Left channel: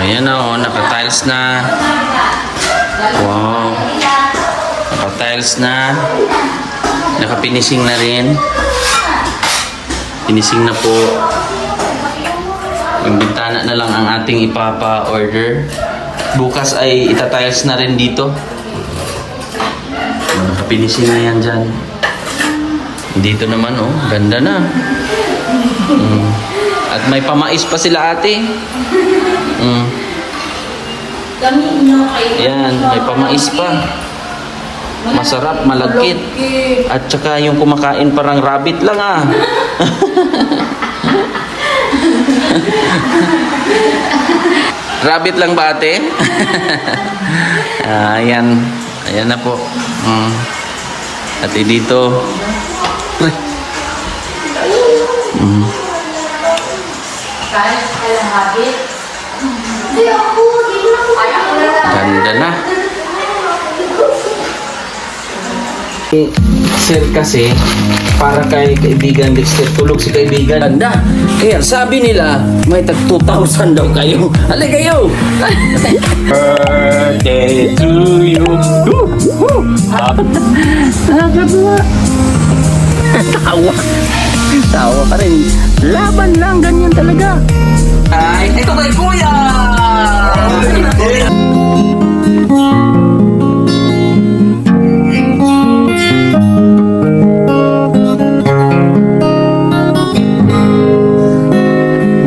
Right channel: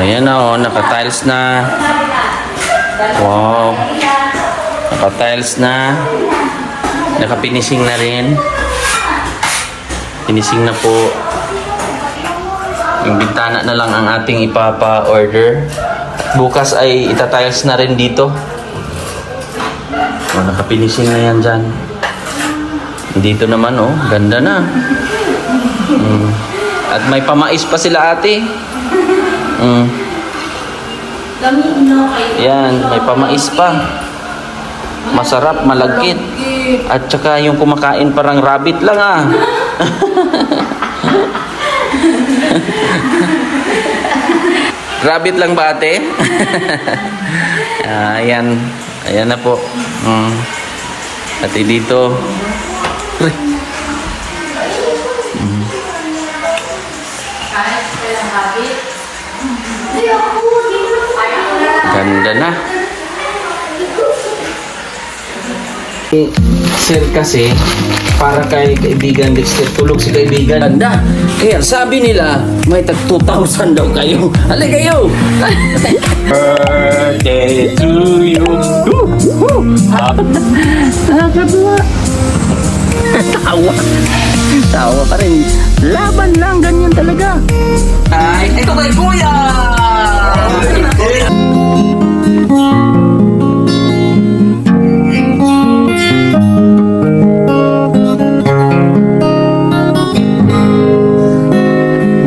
Ayan na oh, naka-tiles na. Wow. Naka-tiles na. Naka-finishing na rin. Finishing na po. Yung bintana na lang ang ating ipapa-order. Bukas ay ita-tiles na rin dito. Oh, naka-finishing na yan dyan. Dito naman oh, ganda na. At may pamais pa sila ate. Yan, may pamais pa. Masarap, malagkit. At saka yung kumakain parang rabbit lang ah. Rabbit lang ba ate? Ayan. Ayan na po. Ate dito. Ganda na. Sir kasi para kay kaibigan Dexter, tulog si kaibigan. Ganda. Kaya sabi nila may tag 2,000 daw kayo. Halika kayo. Birthday to you. Tawa. Tawa pa rin. Laban lang, ganyan talaga. Ay, ito kay Kuya.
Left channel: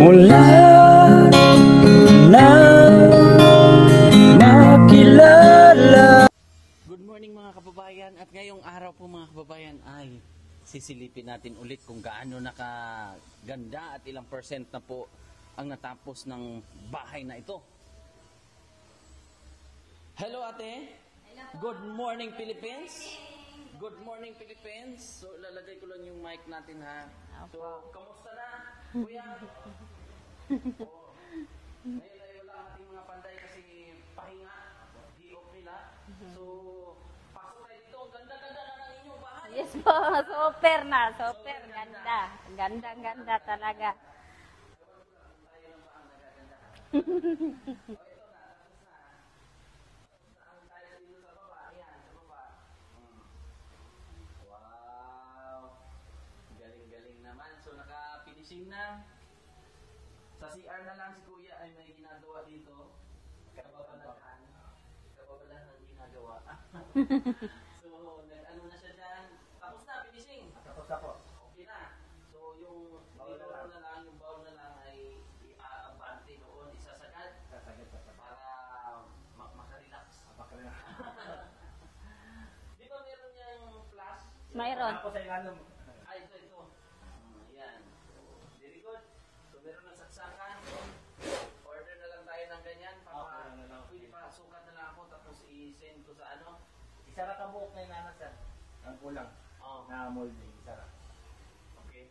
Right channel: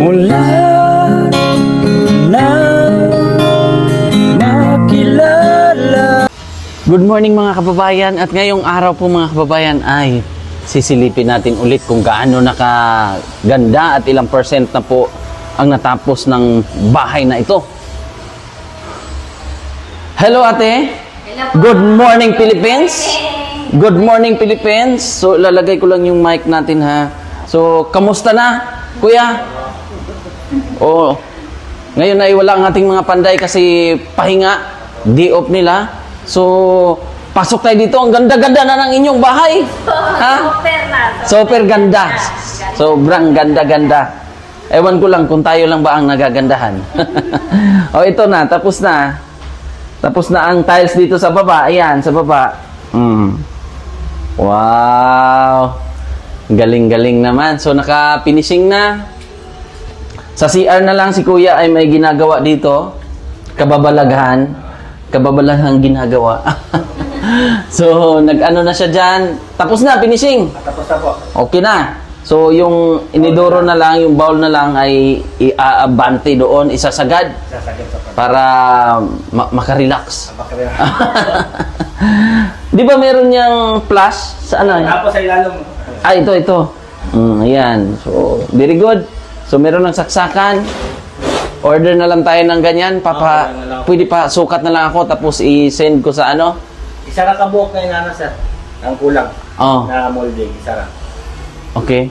Mula na makilala. Good morning mga kababayan, at ngayong araw po mga kababayan ay sisilipin natin ulit kung gaano nakaganda at ilang percent na po ang natapos ng bahay na ito. Hello ate. Hello po. Good morning Philippines. Good morning Philippines. So lalagay ko lang yung mic natin ha. So kamusta na kuya? Oh, ngayon ay wala ang ating mga panday kasi pahinga, day off nila. So pasok tayo dito. Ang ganda-ganda na ng inyong bahay. Ha? Super ganda. Sobrang ganda-ganda. Ewan ko lang kung tayo lang ba ang nagagandahan. O ito na, tapos na. Tapos na ang tiles dito sa baba. Ayan, sa baba. Wow. Galing-galing naman. So naka-finishing na. Sa CR na lang si kuya ay may ginagawa dito. Kababalaghan. Kababalaghan ginagawa. So, nag-ano na siya dyan. Tapos na, finishing. Tapos na po. Okay na. So, yung inidoro na lang, yung bowl na lang ay iaabante doon, isasagad. Para makarelax. Di ba meron niyang flash? Sa ano? Tapos sa ilalim. Ah, ito. Ayan. So, very good. So, meron ng saksakan. Order na lang tayo ng ganyan. Pwede pa, sukat na lang ako, tapos i-send ko sa ano? Isara ka buhok na inana sir. Ang kulang. Oh. Na molding, isara. Okay.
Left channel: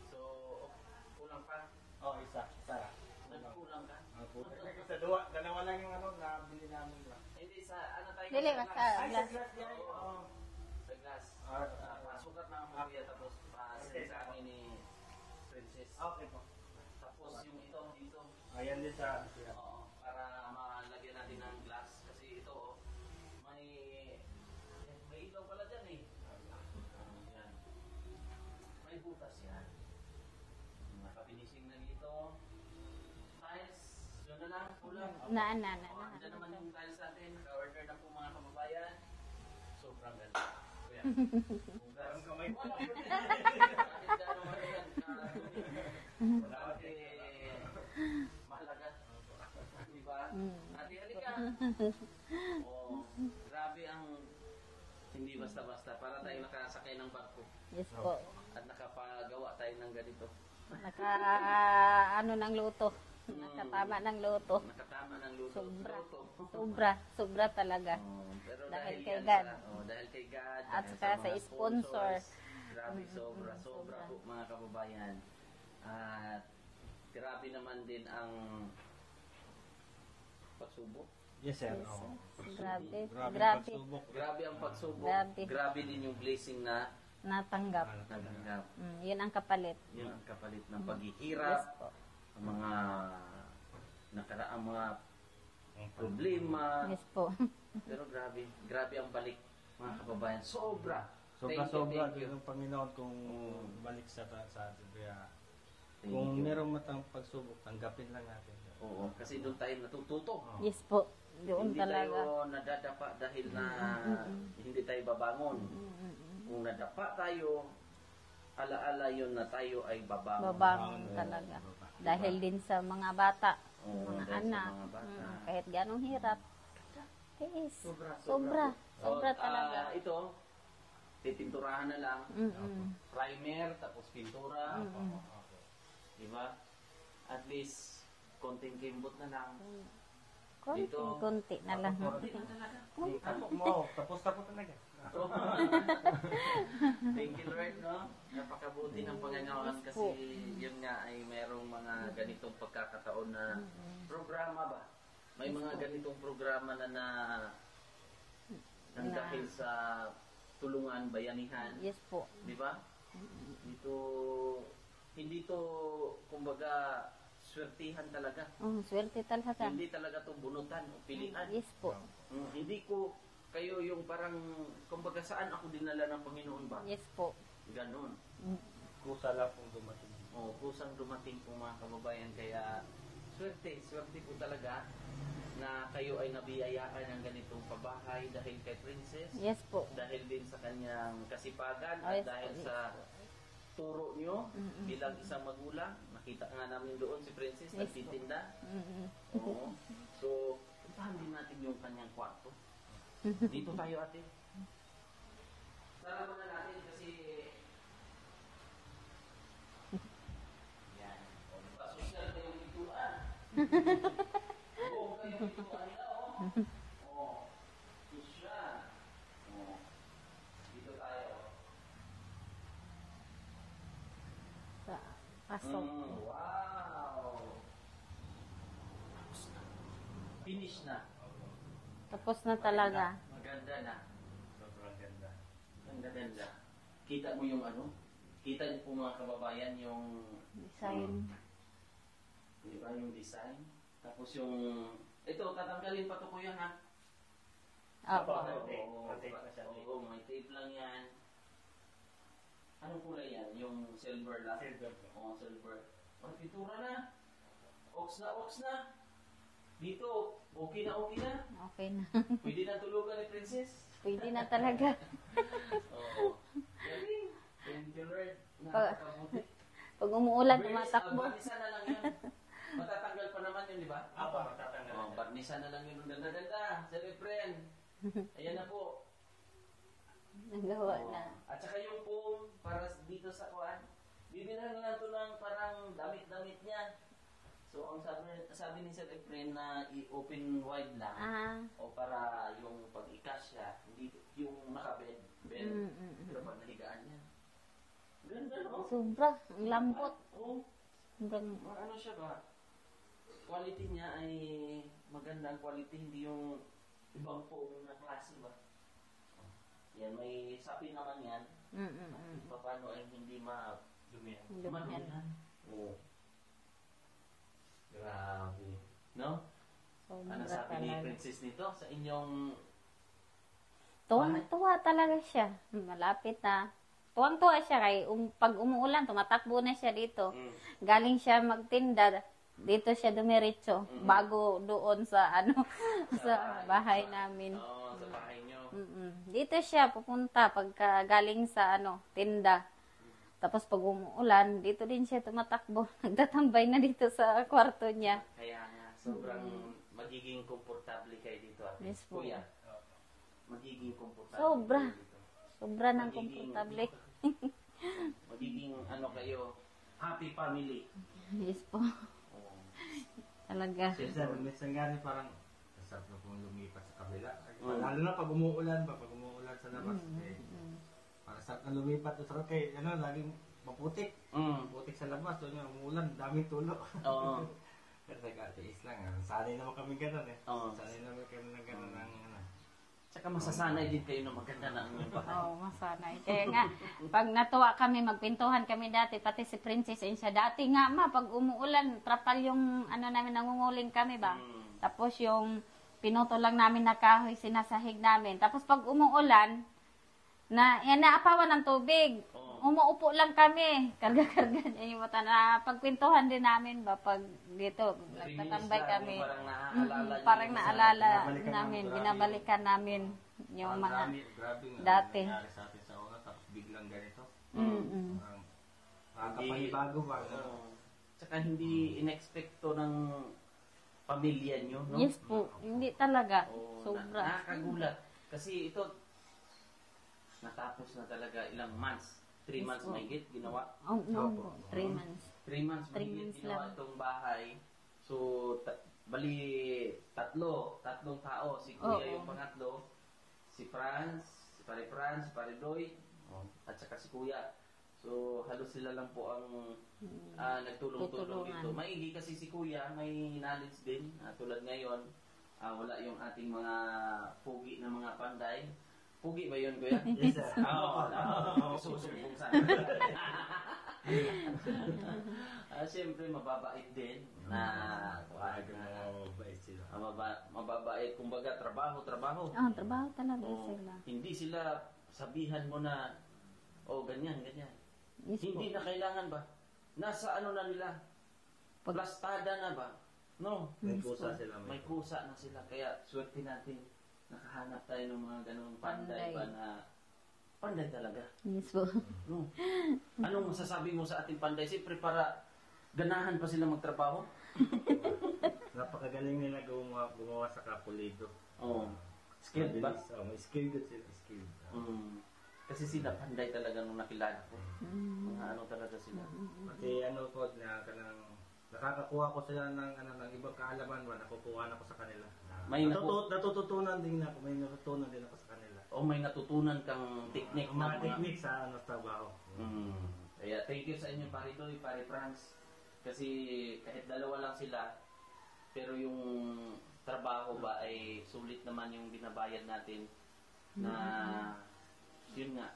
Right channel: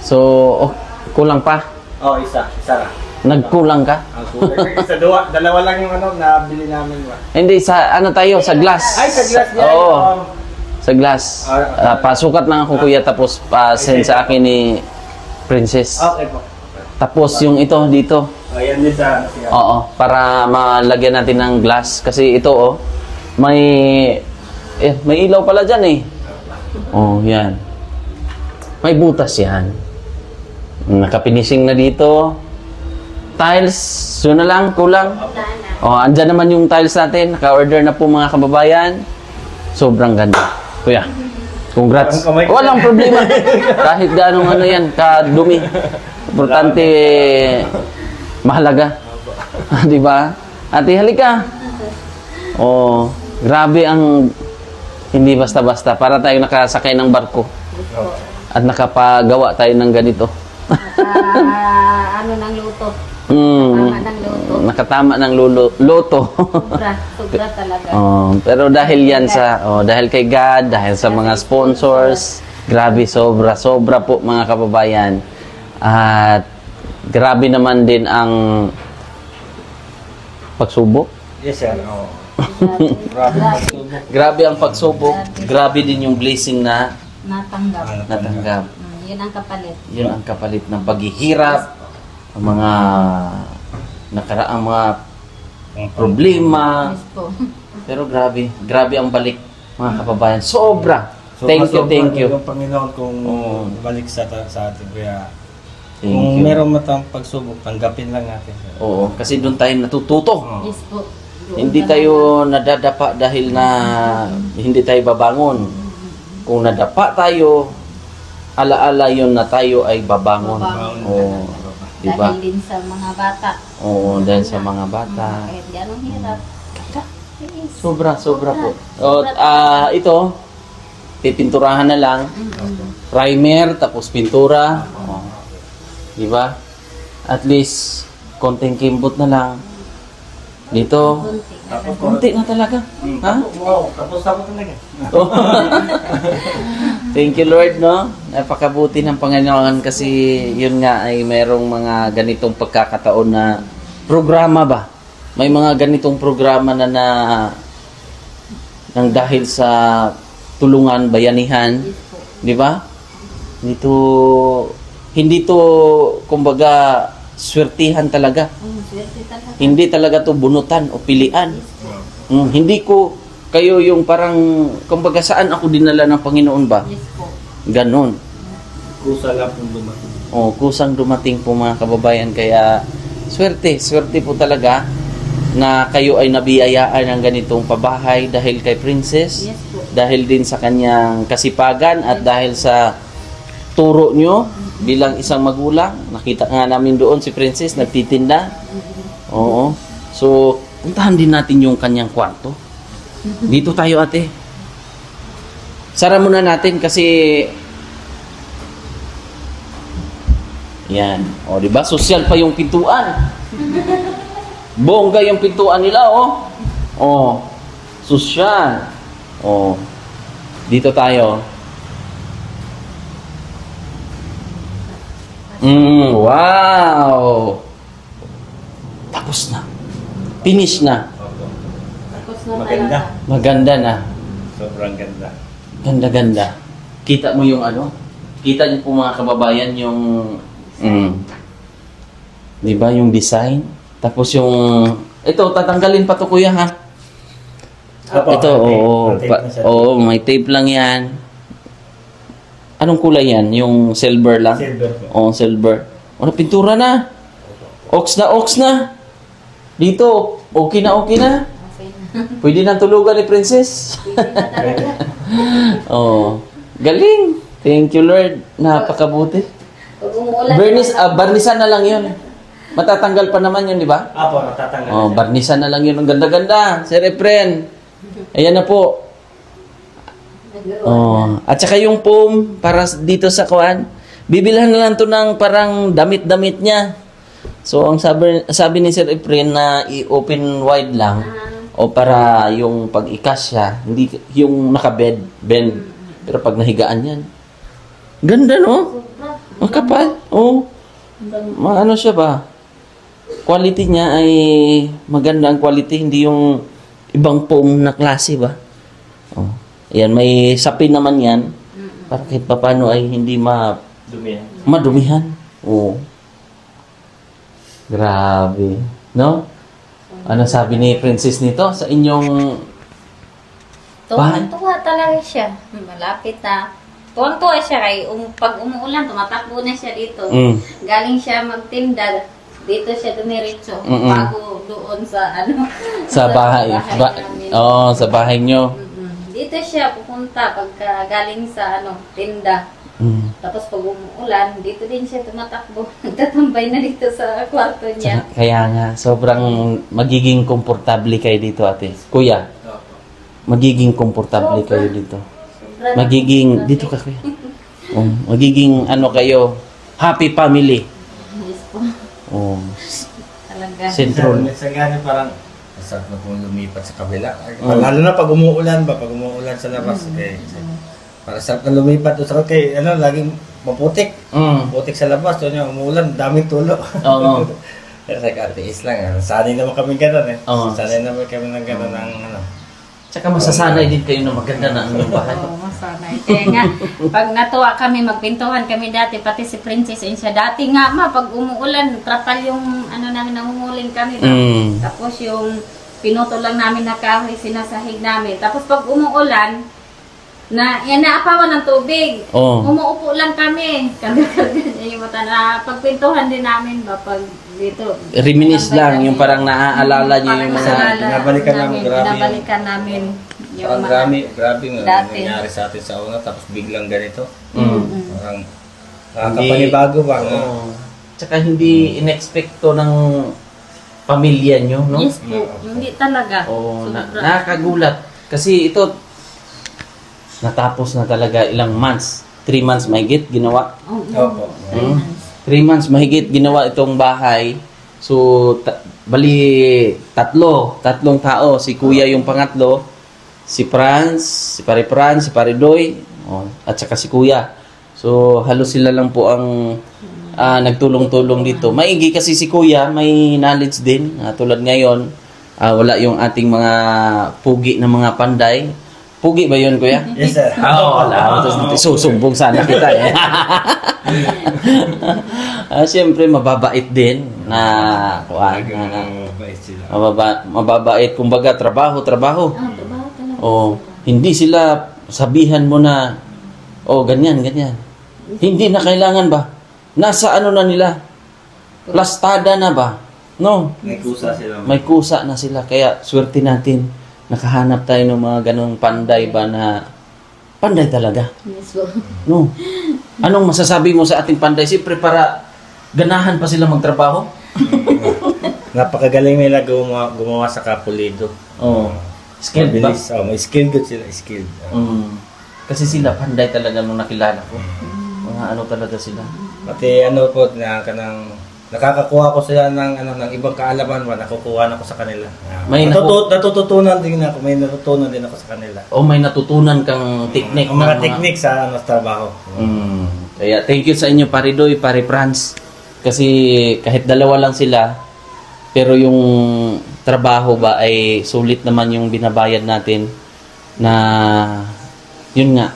So, kulang pa? Oh, isara. Nagkulang ka? Ang kulang. Dalawa lang yung ano, nabili namin ba? Hindi, sa ano tayo? Sa glass. Ay, sa glass yan. Oo. Sa glass. Pasukat lang ako kuya, tapos send sa akin ni Princess. Okay po. Tapos yung ito dito. Ayan din sa siya. Oo, para malagyan natin ng glass. Kasi ito oh, may ilaw pala dyan eh. Oh, yan. May butas yan. Nakapinising na dito. Tiles, yun na lang, kulang. Oh, andyan naman yung tiles natin. Naka-order na po mga kababayan. Sobrang ganda. Kuya, congrats. Walang problema. Kahit ganong ano yan, kadumi. Importante, mahalaga. Di ba? Ate, halika. Oh, grabe ang hindi basta-basta. Para tayo nakasakay ng barko. At nakapagawa tayo ng ganito. Ano ng luto? Tama ng luto. Nakatama ng luto. Sobra talaga. Pero dahil yan sa, dahil kay God, dahil sa mga sponsors, grabe, sobra po mga kababayan. At grabe naman din ang pagsubok. Yes sir. Grabe ang pagsubok. Grabe din yung blessing na natanggap. Yun ang kapalit. Yun ang kapalit ng paghihirap, ang mga nakaraang mga problema. Yes po. Pero grabe ang balik mga kababayan. Sobra. Thank you. Yung Panginoon kung Oo. balik sa atin. Kaya Thank kung you. meron matang pagsubok, tanggapin lang natin. Oo, kasi doon tayo natututo. Oo. Yes po. Hindi tayo nadadapa dahil na hindi tayo babangon. Kung nadapa tayo, alaala yun na tayo ay babangon. Babangon. Oo, di ba? Dahil din sa mga bata. Oo, dahil sa mga bata. Kahit gano'ng hirap. Yes. Sobra po. O, ito, pipinturahan na lang. Primer, tapos pintura. O, di ba? At least, konting kimbot na lang. Dito, konti na talaga. Ha? Wow, tapos talaga. Oh. Thank you Lord, no? Napakabuti ng Panginoon kasi yun nga ay merong mga ganitong pagkakataon na programa ba? May mga ganitong programa na nang dahil sa tulungan, bayanihan, di ba? Hindi to kumbaga swertihan talaga. Swerte talaga. Hindi talaga to bunutan o pilian. Hindi ko kayo yung parang kumbaga saan ako dinala ng Panginoon ba? Yes po. Ganon. Kusa lang kung dumating. Kusang dumating po mga kababayan kaya swerte po talaga na kayo ay nabiyayaan ng ganitong pabahay dahil kay Princess, Yes po. dahil din sa kanyang kasipagan at dahil sa turo nyo bilang isang magulang. Nakita nga namin doon si Princess nagtitinda. Oo. So, puntahan din natin yung kanyang kwarto. Dito tayo ate. Sara muna natin kasi yan. O, di ba? Sosyal pa yung pintuan. Bongga yung pintuan nila, oh. Oh. Sosyal. Oh. Dito tayo. Wow. Tapos na. Finish na. Tapos na Maganda. talaga. Maganda na. Sobrang ganda. Ganda-ganda. Kita mo yung ano? Kita niyo po mga kababayan yung di ba yung design? Tapos yung ito tatanggalin pa to kuya ha. Ito may tape lang yan. Anong kulay yan? Yung silver lang? Silver po. Oo, silver. Ano, pintura na. Ox na. Dito, okay na. Okay na. Pwede na tulugan ni Princess. Pwede na talaga. Oh, galing. Thank you Lord. Napakabuti. Pag umuulan. Barnisan na lang 'yun. Matatanggal pa naman 'yun, di ba? Apo, natatanggal. Oh, barnisan na lang 'yun. Ang ganda-ganda. Sir Efren. Ayan na po. Oh, at saka yung foam para dito sa kuan. Bibilhan na lang 'to ng parang damit-damit niya. So ang sabi ni Sir Efren na i-open wide lang o para yung pag-ikas siya, hindi yung naka-bend. Pero pag nahigaan yan. Ganda, no? Makapal. Oh. Ano siya ba? Quality niya ay maganda ang quality, hindi yung ibang foam na klase ba? Oh. Ayan, may sapin naman yan. Para kahit paano ay hindi Dumihan. madumihan. Oh. Grabe. No? Ano sabi ni Princess nito sa inyong bahay? Tuwang-tuwa talaga siya. Malapit na. Tuwang-tuwa siya kay pag umuulan, tumatakbo na siya dito. Galing siya magtinda. Dito siya dumiretso. Bago doon sa Sa bahay. namin. Sa bahay nyo. Dito siya pupunta pagka galing sa tinda. Tapos pag umuulan, dito din siya tumatakbo. Nagtatambay na dito sa kwarto niya. Kaya nga, sobrang magiging komportable kayo dito, ate. Kuya, magiging komportable kayo dito. Magiging, dito ka kuya. Magiging kayo, happy family. Yes po. Talaga. Sentro. Minsan nga parang masarap na pong lumipat sa kabila. Lalo na pag umuulan ba, pag umuulan sa labas. Okay. Para sarap na lumipat doon sa kay laging maputik. Putik sa labas, doon yung umuulan, daming tulo. Oo. Pero sa katiis lang, sanay naman kami gano'n eh. Oo. Sanay naman kami ng gano'n ng Tsaka masasanay din kayo na maganda na ang inyong bahay. Oo, masanay. Kaya nga, pag natuwa kami, magpintuhan kami dati, pati si Princess and siya. Dati nga pag umuulan, trapal yung namin, nangunguling kami. Tapos yung pinuto lang namin na kahoy, sinasahig namin. Tapos pag umuulan, naapawan ng tubig. Umuupo lang kami. Kami yung mata na pagpintuhan din namin ba pag dito. Reminis lang, yung parang naaalala niyo yung mga... Binabalikan namin. Parang grabe nga nangyari sa atin sa una, tapos biglang ganito. Parang nakakapanibago ba? Tsaka hindi inexpecto ng pamilya nyo, no? Yes po, hindi talaga. Nakakagulat. Kasi ito, natapos na talaga ilang months. 3 months mahigit ginawa. Opo. 3 months mahigit ginawa itong bahay. So, bali tatlong tao. Si Kuya yung pangatlo, si Franz, si Pare Franz, si Pare Doy, at saka si Kuya. So, halos sila lang po ang nagtulong-tulong dito. Maigi kasi si Kuya, may knowledge din. Tulad ngayon, wala yung ating mga pugi na mga panday. Pugi ba yun, Kuya? Yes, sir. Wala. Susumbong sana kita eh. Siyempre, mababait din na mababait. Kumbaga, trabaho. Trabaho Hindi sila sabihan mo na, ganyan. Hindi na kailangan ba? Nasa ano na nila? Plastada na ba? No? May kusa na sila. Kaya, swerte natin. Nakahanap tayo ng mga ganong panday ba na panday talaga. Yes po. No. Anong masasabi mo sa ating panday? Siyempre para ganahan pa sila magtrabaho. Napakagaling nila gumawa sa kapulido. Skilled ba? May skilled sila. Skilled. Kasi sila panday talaga nung nakilala ko. Mga talaga sila. Pati po nakakakuha ko sila ng ibang kaalaman ba, nakukuha na ko sa kanila. Natututunan din ako, may natutunan din ako sa kanila. May natutunan kang technique. Mga technique sa trabaho. Kaya thank you sa inyo, Pare Doy, Pare Franz. Kasi kahit dalawa lang sila, pero yung trabaho ba ay sulit naman yung binabayad natin na yun nga,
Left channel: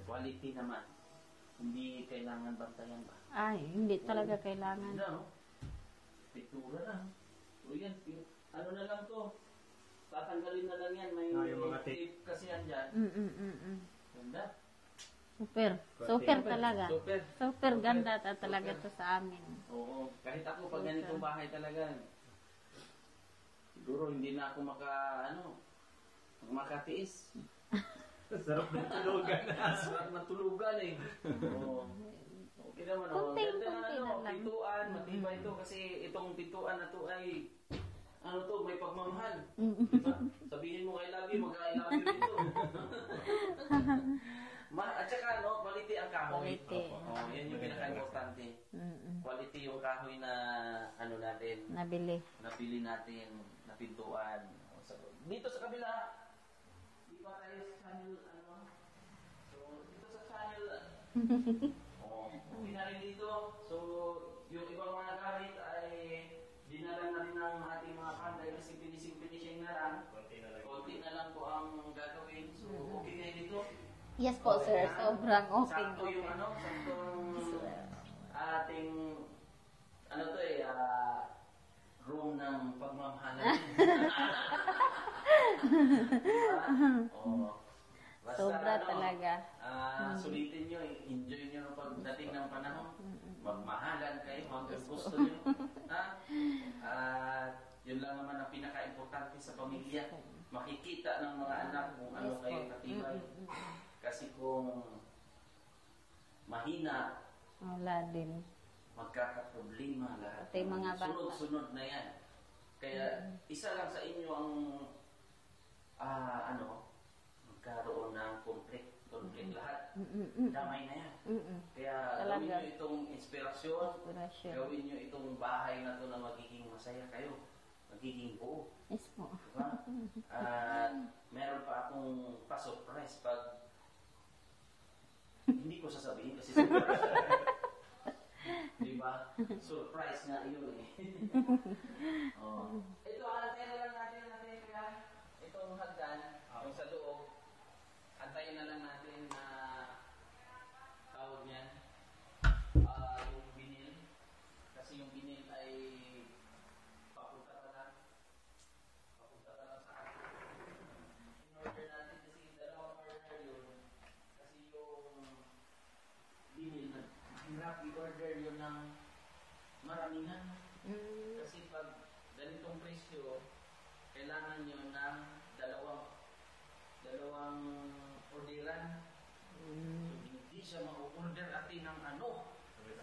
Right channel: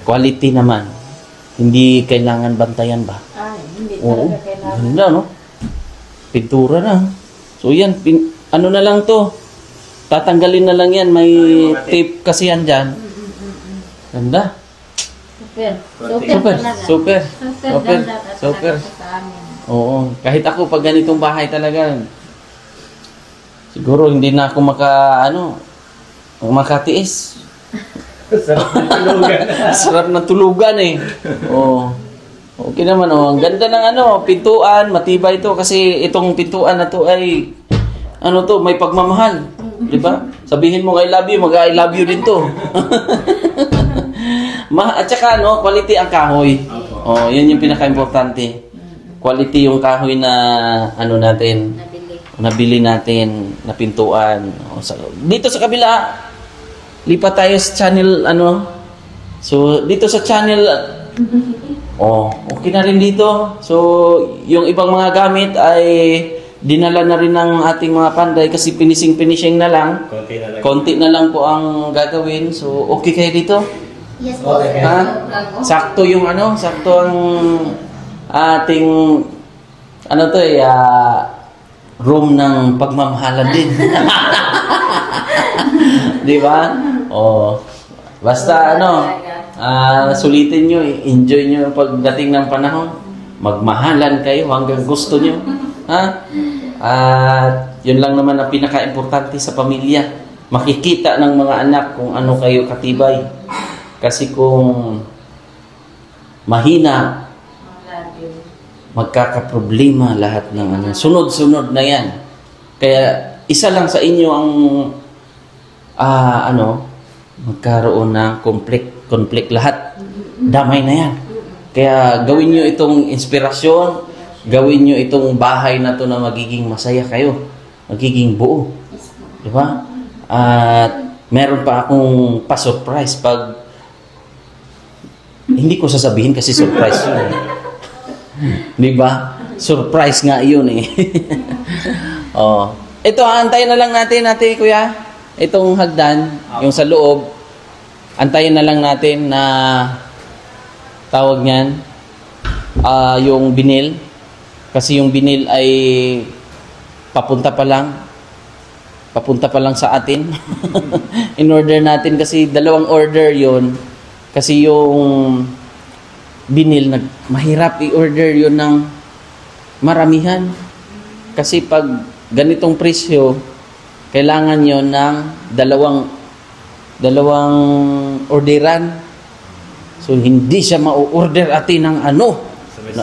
quality naman. Hindi kailangan bantayan ba? Hindi talaga kailangan. Ganda, no? Pintura na. So yan, ano na lang to? Tatanggalin na lang yan. May tape kasi yan dyan. Ganda. Super. Oo. Kahit ako pag ganitong bahay talaga, siguro hindi na ako makatiis. Sarap na tulugan eh. Okay naman Ang ganda ng pintuan, matibay ito kasi itong pintuan na to ay may pagmamahal, 'di ba? Sabihin mo I love you, mag-I love you din to. At saka quality ang kahoy. Yun yung pinaka-importante. Quality yung kahoy na nabili natin na pintuan. Dito sa kabila, lipat tayo sa channel So dito sa channel okay na rin dito. So yung ibang mga gamit ay dinala na rin ng ating mga panday kasi finishing na lang. Konti na lang po ang gagawin. So okay kayo dito? Yes po. Sakto yung sakto ang ating room ng pagmamahalan din. Di ba? Basta sulitin nyo, enjoy nyo yung pagdating ng panahon. Magmahalan kayo hanggang gusto nyo. At yun lang naman ang pinaka-importante sa pamilya. Makikita ng mga anak kung ano kayo katibay. Kasi kung mahina, magkakaproblema lahat ng sunod-sunod na yan. Kaya isa lang sa inyo ang magkaroon ng conflict lahat. Damay na yan. Kaya gawin nyo itong inspirasyon, gawin nyo itong bahay na to na magiging masaya kayo. Magiging buo. Diba? At meron pa akong pa-surprise pag hindi ko sasabihin kasi surprise yun. Diba? Surprise nga yun eh. Ito, antayin na lang natin, Kuya. itong hagdan, yung sa loob, antayin na lang natin na tawag niyan, yung binil. Kasi yung binil ay papunta pa lang sa atin. In order natin kasi dalawang order yon. Kasi yung binil, mahirap i-order yon ng maramihan. Kasi pag ganitong presyo, kailangan yon ng dalawang orderan. So hindi siya ma-order atin ng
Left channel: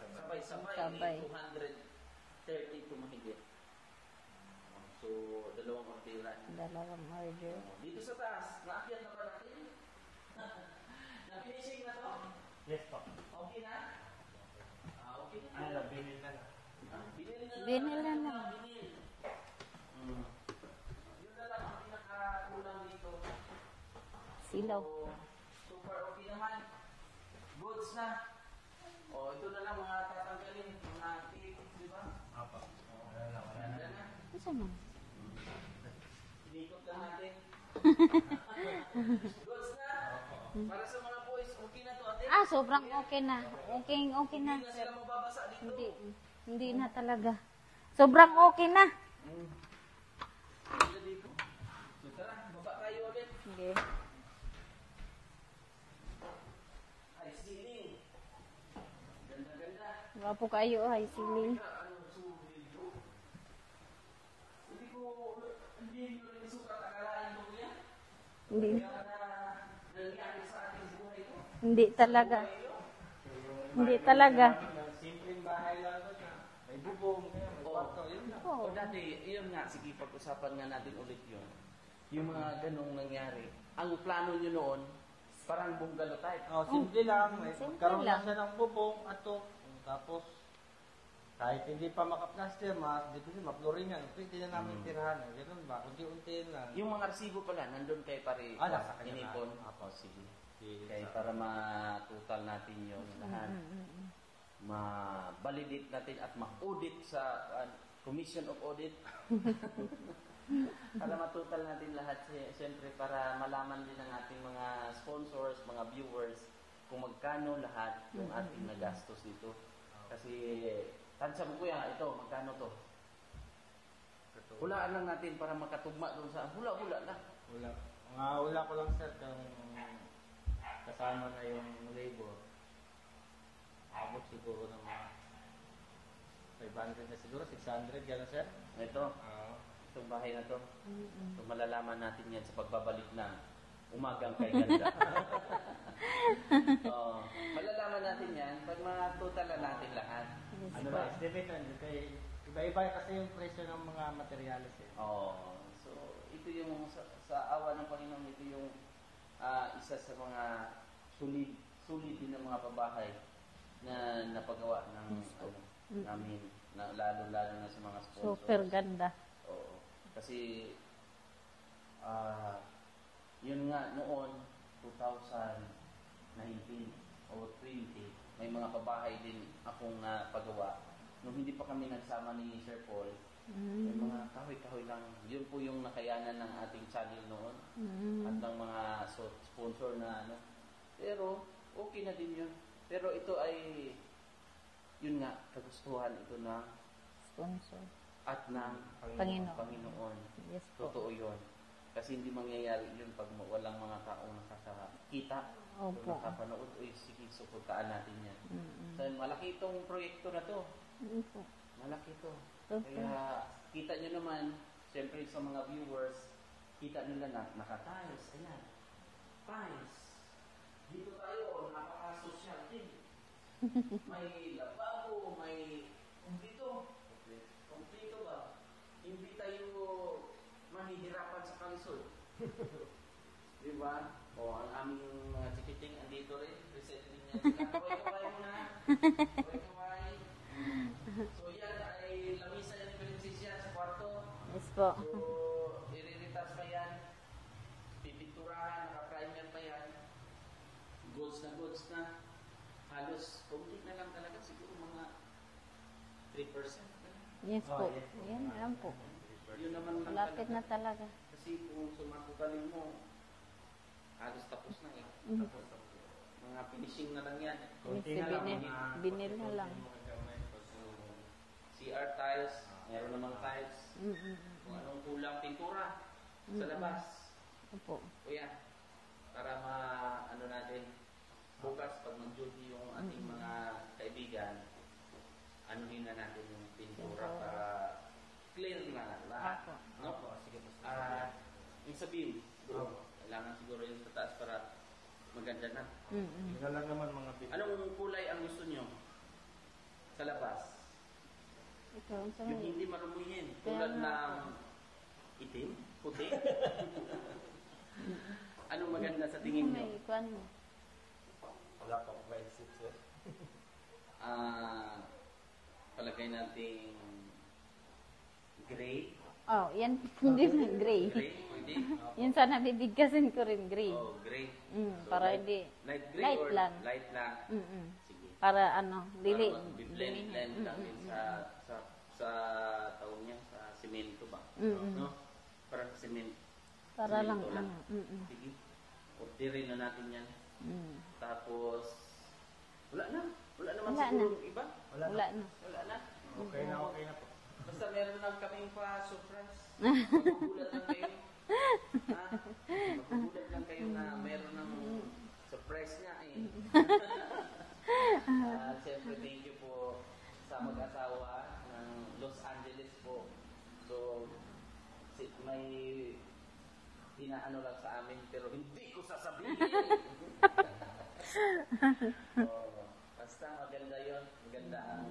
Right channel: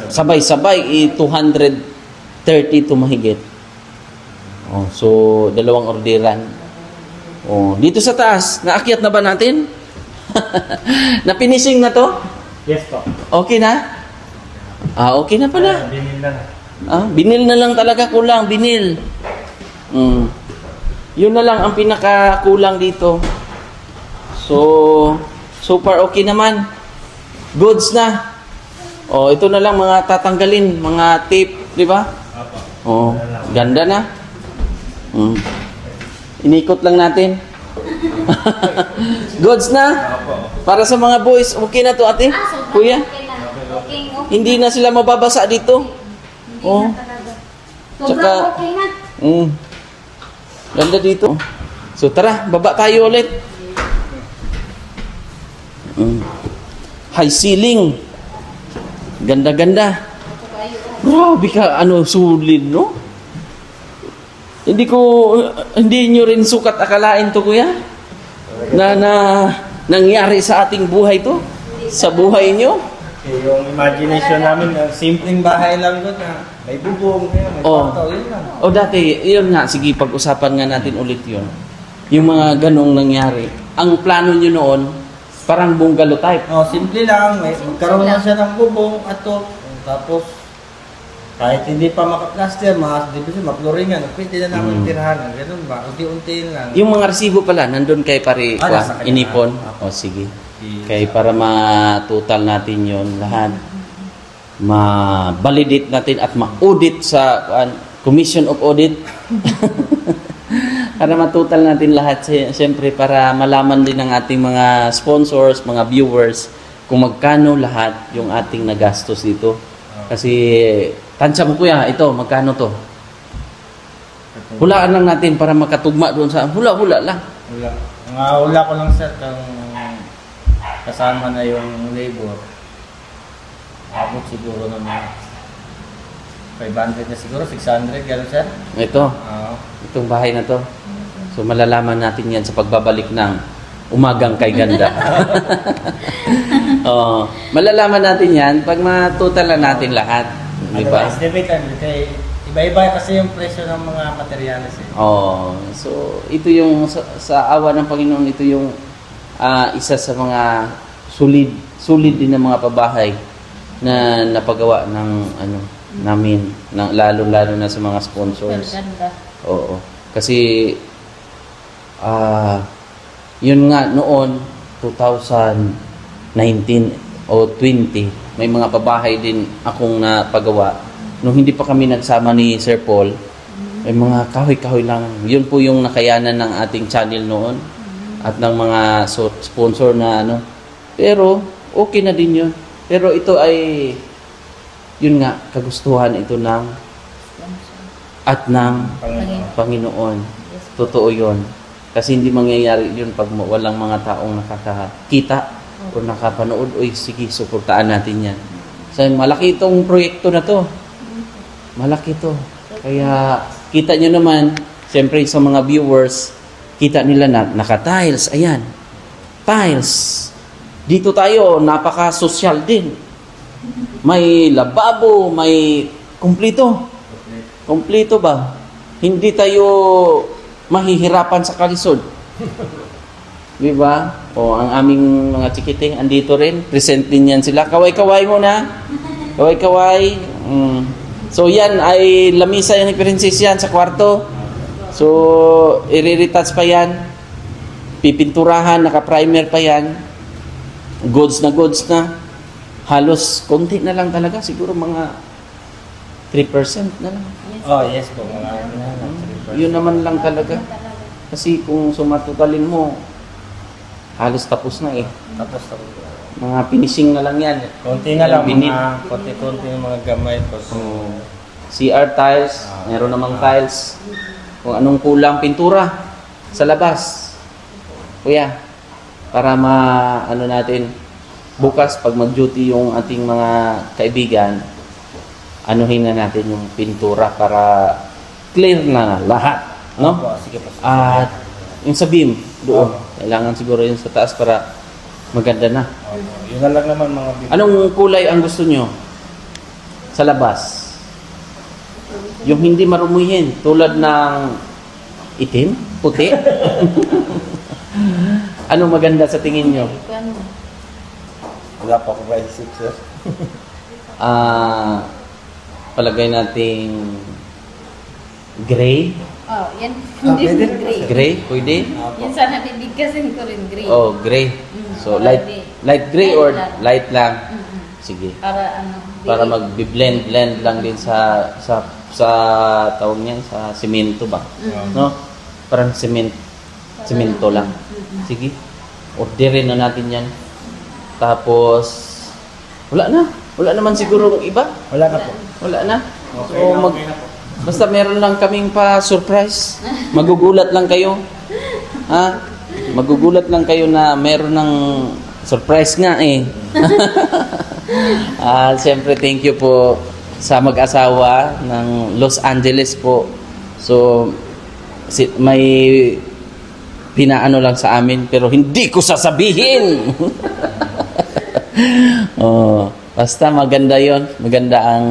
sabay-sabay 230 to mahigit. Oh, so dalawang orderan. Oh, dito sa taas, naakyat na ba natin? Napinising na to? Yes po. Okay na? Okay na pala. Binil na. Binil na lang talaga, kulang, binil. Yun na lang ang pinakakulang dito. So far okay naman. Goods na. Ito na lang mga tatanggalin, mga tape, di ba? Ganda na. Inikot lang natin. Goods na. Para sa mga boys, okay na to ate? Kuya? Okay. Hindi na sila mababasa dito. Hindi na talaga. Sobrang okay na. Ganda dito. So tara, baba tayo ulit. High ceiling. Ganda-ganda. Grabe ka, sulit, no? Hindi nyo rin sukat akalain to, kuya? Na nangyari sa ating buhay to? Sa buhay nyo? Yung imagination namin, simpleng bahay lang doon na may bubong, may kwarto, yun lang. Dati, yun nga, sige, pag-usapan nga natin ulit yun. Yung mga ganong nangyari. Ang plano nyo noon, parang bungalow type. Simple lang. Magkaroon na siya ng bubong at to. Tapos, kahit hindi pa maka-plaster, maploringan, pwede na namin tirahan. Ganun ba? Unti-unti lang. Yung mga resibo pala, nandun kay pare inipon. Sige. Kaya para ma-total natin yon lahat. Ma-validate natin at ma-audit sa Commission of Audit. Para matutal natin lahat, siyempre para malaman din ng ating mga sponsors, mga viewers, kung magkano lahat yung ating nagastos dito. Kasi, tansya mo kuya, ito, magkano to? Hulaan lang natin para makatugma doon sa, hula lang. Hula ko lang sir, kasama na yung labor. Abot siguro ng mga 500 na siguro, 600, gano'n sir? Ito, itong bahay na to. So malalaman natin yan sa pagbabalik ng Umagang Kay Ganda. Malalaman natin yan pag matutal natin lahat. Di ba? Iba-iba kasi yung presyo ng mga materyales. So ito yung sa awa ng Panginoon, ito yung isa sa mga solid din ng mga pabahay na napagawa ng namin, lalo na sa mga sponsors. Oo. Kasi yun nga noon 2019 o 20 may mga pabahay din akong napagawa nung hindi pa kami nagsama ni Sir Paul. May mga kahoy-kahoy lang. Yun po yung nakayanan ng ating channel noon at ng mga sponsor na pero okay na din yun. Pero ito ay yun nga, kagustuhan ito ng Panginoon. Totoo yun. Kasi hindi mangyayari yun pag walang mga taong nakakakita o nakapanood. Sige, suportaan natin yan. So, malaki itong proyekto na to. Malaki to. Kaya, kita nyo naman, siyempre sa mga viewers, kita nila na naka-tiles. Ayan. Tiles. Dito tayo, napaka-social din. May lababo, may kumplito. Kumplito ba? Hindi tayo mahihirapan sa kalisod. Di ba? Ang aming mga chikiting andito rin. Present din yan sila. Kaway-kaway muna. Kaway-kaway. So yan ay lamisa yan ni Princess yan sa kwarto. So i-retouch pa yan. Pipinturahan, naka-primer pa yan. Goods na. Halos konti na lang talaga. Siguro mga 3% na lang. Yes po. Yun naman lang talaga. Kasi kung sumatotalin mo, halos tapos na eh. Tapos. Mga finishing na lang yan. Konti na lang, Binit. mga konti-konti yung mga gamay ko. So, CR tiles, meron namang tiles. Kung anong kulang, pintura sa labas. Kuya, para ano natin, bukas pag mag-duty yung ating mga kaibigan, anuhin na natin yung pintura para clear na lahat. No? sige po. At yung sa beam, doon. Kailangan siguro yun sa taas para maganda na. Yun na lang naman mga bibig. Anong kulay ang gusto nyo sa labas? Yung hindi marumihin, tulad ng itim, puti. Anong maganda sa tingin nyo? Wala pa ako ba isip, sir? Palagay nating gray. Oh, yan. Pwede rin. Gray. Gray, pwede? Yan sana bibigkasin ko rin gray. Oh, gray. So light gray or light lang. Sige. Para ano? Para mag-blend lang din sa tawag niyan, sa semento ba? No? Parang semento lang. Sige. Orderin na natin 'yan. Tapos wala na. Wala naman siguro iba. Wala na po. Wala na. Okay, So okay na po. basta meron lang kaming pa-surprise. Magugulat lang kayo. Ha? Magugulat lang kayo na meron ng surprise nga eh. Siyempre thank you po sa mag-asawa ng Los Angeles po. So may pinaano lang sa amin pero hindi ko sasabihin. Basta maganda 'yon, maganda ang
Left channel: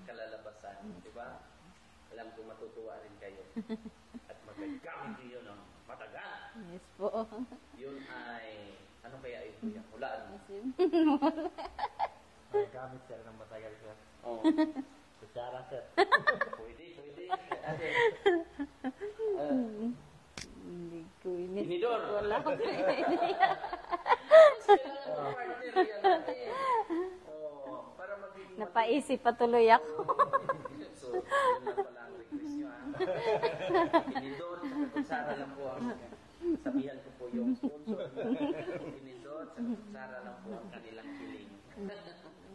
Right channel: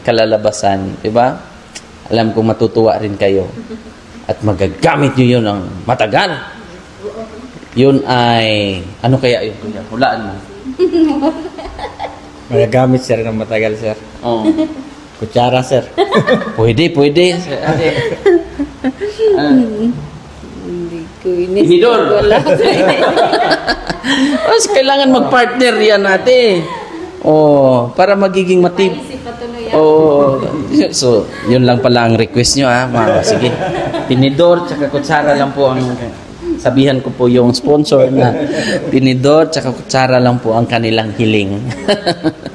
kalalabasan, 'di ba? Alam kong matutuwa rin kayo at magagamit niyo 'yon ng matagal. 'Yun ay ano kaya 'yun? Hulaan mo. Magagamit, sir, ng matagal, sir. Oh. Kutsara, sir. Pwede. Hindi ko inis. Inidor. Wala. Kailangan mag-partner yan natin. Para magiging matib. Isip patuloy ako. So, yun lang pala ang request nyo ha. Sige. Tinidor, tsaka kutsara lang po ang sabihan ko po yung sponsor na tinidor, tsaka kutsara lang po ang kanilang hiling.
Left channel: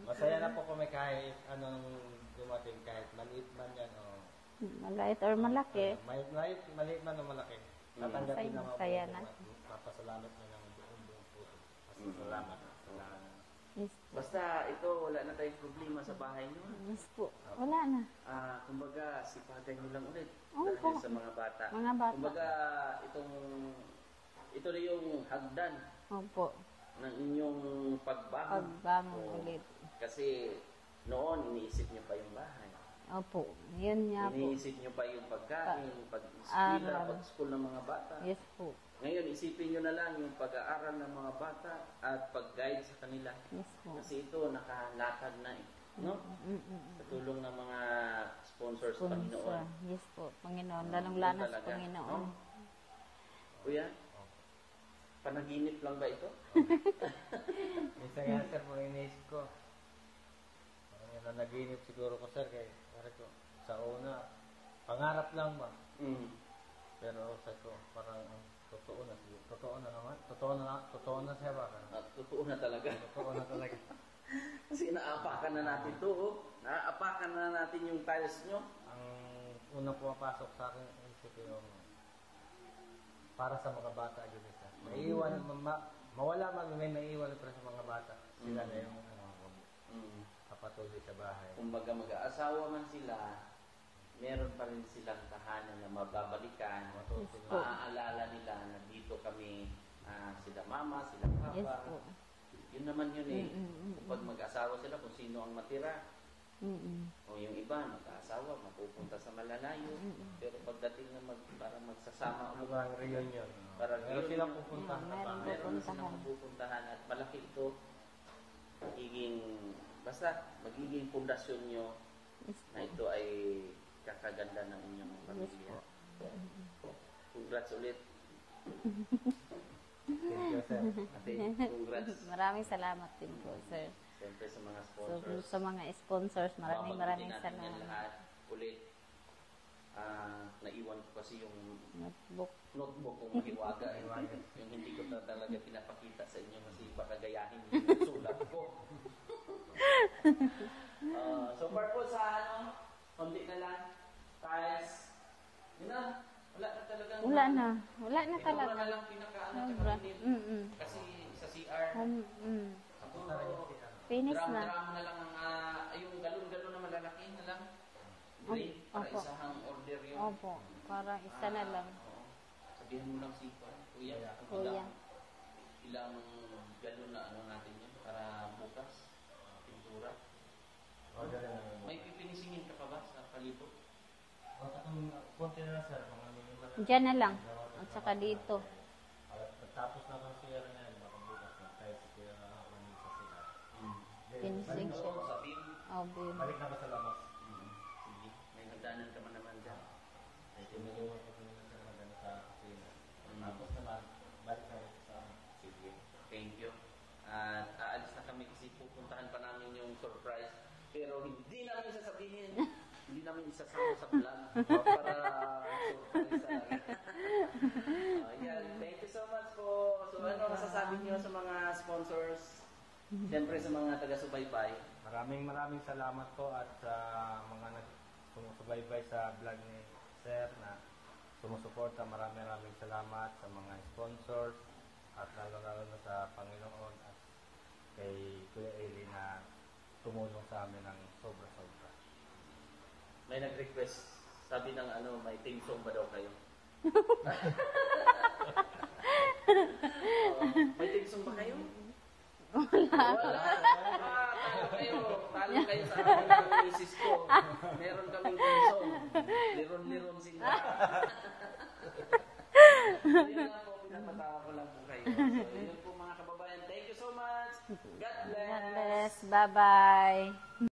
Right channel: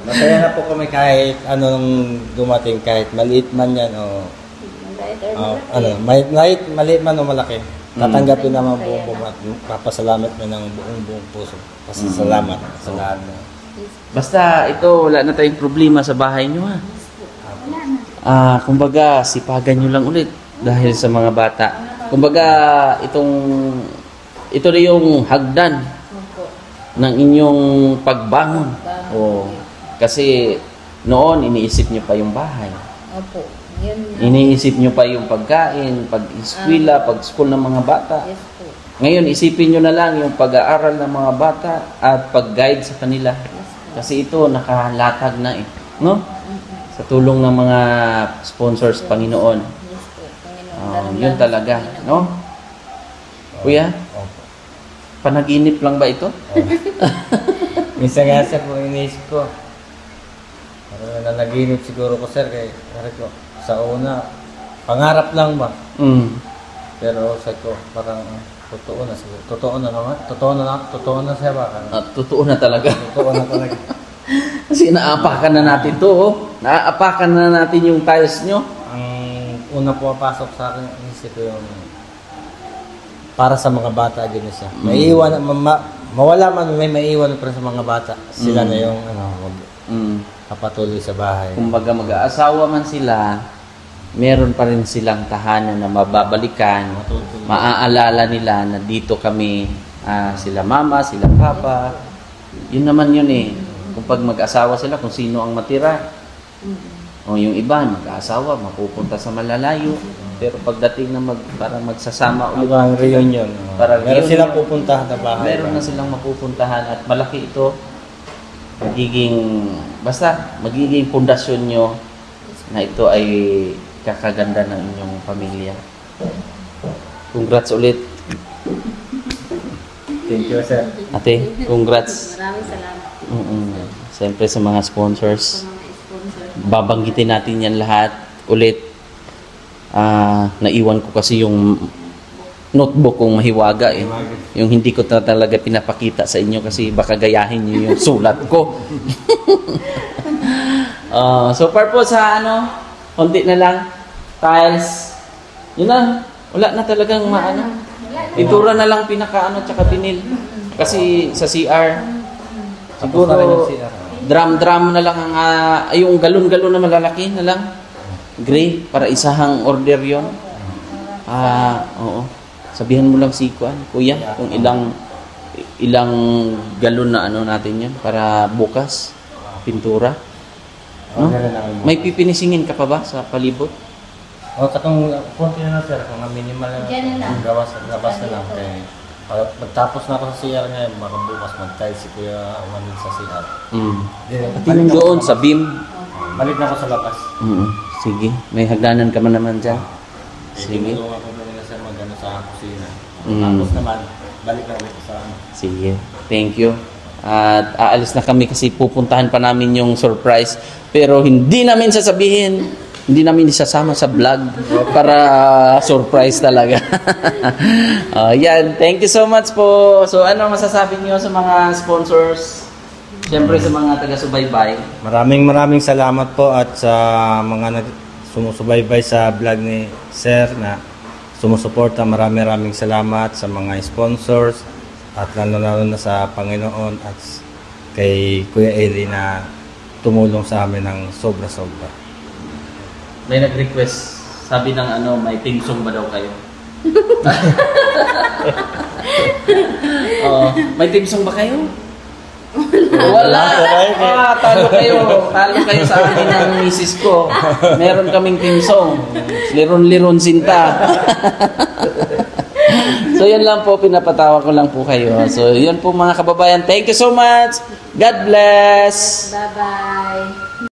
Masaya na po kami kahit anong dumating, kahit maliit man yan o maliit man o malaki. Tatanggapin naman po at papasalamat mo ng buong puso. Pasasalamat sa lahat. Basta ito, wala na tayong problema sa bahay nyo ha. Kumbaga, sipagan nyo lang ulit dahil sa mga bata. Kumbaga, ito na yung hagdan ng inyong pagbangon. Kasi noon, iniisip nyo pa yung bahay. Opo. Yun nga. Iniisip nyo pa yung pagkain, pag-eskwela, pag-school ng mga bata. Yes po. Ngayon, isipin nyo na lang yung pag-aaral ng mga bata at pag-guide sa kanila. Kasi ito, nakalatag na eh. No? Sa tulong ng mga sponsors, Panginoon. Yes po. Panginoon. Yun talaga. No? Kuya, panaginip lang ba ito? Minsan nga, sir, kung iniisip ko, nanaginip siguro ko, sir, kay ko, sa una, pangarap lang ba? Pero sa ko, parang totoo na siguro. Totoo na siya ba? Totoo na talaga. Totoo na talaga. Kasi naapakan na natin to. Naapakan na natin yung tiles nyo. Ang una pumapasok sa akin, isip ko yung para sa mga bata din na siya. Maiiwan, mawala man, may maiiwan pa sa mga bata. Sila na yung kapatuloy sa bahay. Kumbaga mag-aasawa man sila, meron pa rin silang tahanan na mababalikan. Maaalala nila na dito kami, sila mama, sila papa. Yun naman yun eh. Kung pag mag-asawa sila, kung sino ang matira. O yung iba, mag-asawa, mapupunta sa malalayo. Pero pagdating na para magsasama ulit. Ang reunion. Meron silang pupuntahan na bahay. Meron na silang mapupuntahan at malaki ito. Magiging pundasyon nyo na ito ay kakaganda ng inyong pamilya. Congrats ulit. Thank you, sir. Ate, congrats. Maraming salamat. Siyempre sa mga sponsors. Sa mga sponsor. Babanggitin natin yan lahat ulit. Naiwan ko kasi yung notebook kong mahiwaga eh. Yung hindi ko na talaga pinapakita sa inyo kasi baka gayahin niyo yung sulat ko. So purpose sa ano, konti na lang, tiles, yun na, wala na talagang maano. Pintura na lang pinakaano tsaka binil. Kasi sa CR, siguro drum na lang ang yung galon-galon na malalaki na lang. Gray para isahang order 'yon. Oo. Sabihan mo lang si Kuya, kung ilang galon na ano natin 'yan para bukas pintura. No? May pipinisingin ka pa ba sa palibot? Katong konti na lang sir, kung minimal na lang. Gawas at labas na lang. Kaya pagtapos na ako sa CR ngayon, baka bukas mag-tiles si Kuya Manil sa CR. Pati doon sa beam. Balik na ako sa labas. Sige, may hagdanan ka man naman dyan. Sige. Tulungan ko nila sir mag-ano sa kusina. Tapos naman, balik na ulit sa ano. Sige, thank you. At aalis na kami kasi pupuntahan pa namin yung surprise. Pero hindi namin sasabihin, hindi namin isasama sa vlog para surprise talaga. Yan, thank you so much po. So ano masasabi niyo sa mga sponsors? Siyempre sa mga taga-subaybay. Maraming salamat po at sa mga sumusubaybay sa vlog ni Sir na sumusuporta. Maraming salamat sa mga sponsors at lalo na sa Panginoon at kay Kuya Eli na tumulong sa amin ng sobra-sobra. May nag-request, sabi ng ano, may theme song ba daw kayo? May theme song ba kayo? Wala. Talo kayo sa akin ng misis ko. Meron kaming theme song. Liron-liron sinta. So yan lang po, pinapatawa ko lang po kayo. So yan po mga kababayan. Thank you so much. God bless. Bye-bye.